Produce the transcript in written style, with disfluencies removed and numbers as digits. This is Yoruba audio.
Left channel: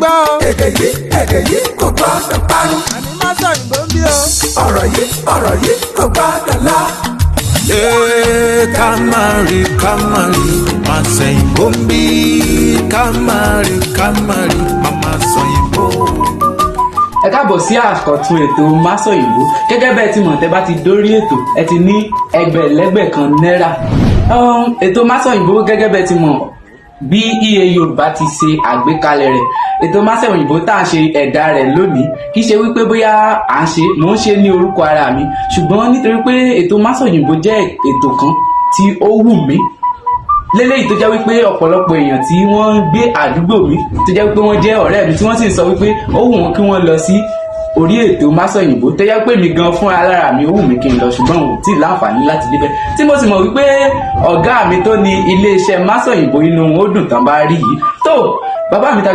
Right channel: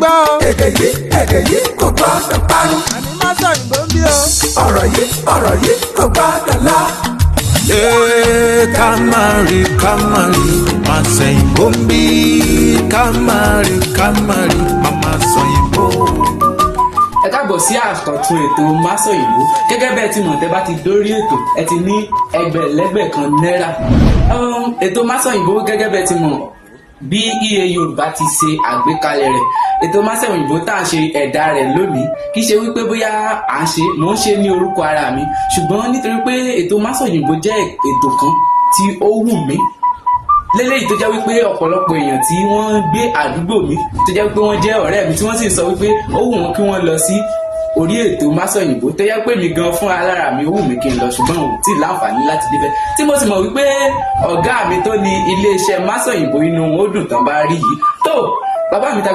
gbọ́ o. èdè yìí kò gbọ́dọ̀ parun. àní má sọ òyìnbó ń bí o. ọ̀rọ̀ yìí kò gbọ́dọ̀ lọ. Kamari, mama sayimbo mbi. Kamari, mama sayimbo. Ẹ káàbọ̀ sí àkọ́tún ètò Máṣọ̀yìnbó. Gẹ́gẹ́ bẹ́ẹ̀ tí mọ̀ tẹ́ bá ti dórí ètò ẹ ti ní ẹgbẹ̀lẹ́gbẹ̀ kan náírà. Ètò Máṣọ̀yìnbó gẹ́gẹ́ bẹ́ẹ̀ tí mọ̀ bí EA Yorùbá ti ṣe àgbékalẹ̀ rẹ̀. Ètò Máṣọ̀yìnbó tá à ń ṣe ẹ̀dá rẹ̀ lónìí kì í ṣe wípé bóyá mò ń ṣe ní orúkọ ara mi, ṣùgbọ́n nítorí pé ètò Máṣọ̀yìnbó jẹ́ ètò kan tí ó wù mí lélẹ́yìí tó jẹ́ wípé ọ̀pọ̀lọpọ̀ èèyàn tí wọ́n ń gbé àdúgbò mi tó jẹ́ wípé wọ́n jẹ́ ọ̀rẹ́ mi tí wọ́n sì sọ wípé ó wù wọ́n kí wọ́n lọ sí orí ètò Máṣọ̀yìnbó tó jẹ́ pé mi gan fún alára mi ó wù mí kí n lọ ṣùgbọ́n ò tí ì láǹfààní láti débẹ̀ tí mo sì mọ̀ wípé ọ̀gá mi tó ní iléeṣẹ́ Máṣọ̀yìnbó inú ó dùn tán bá rí yìí tó bàbá mi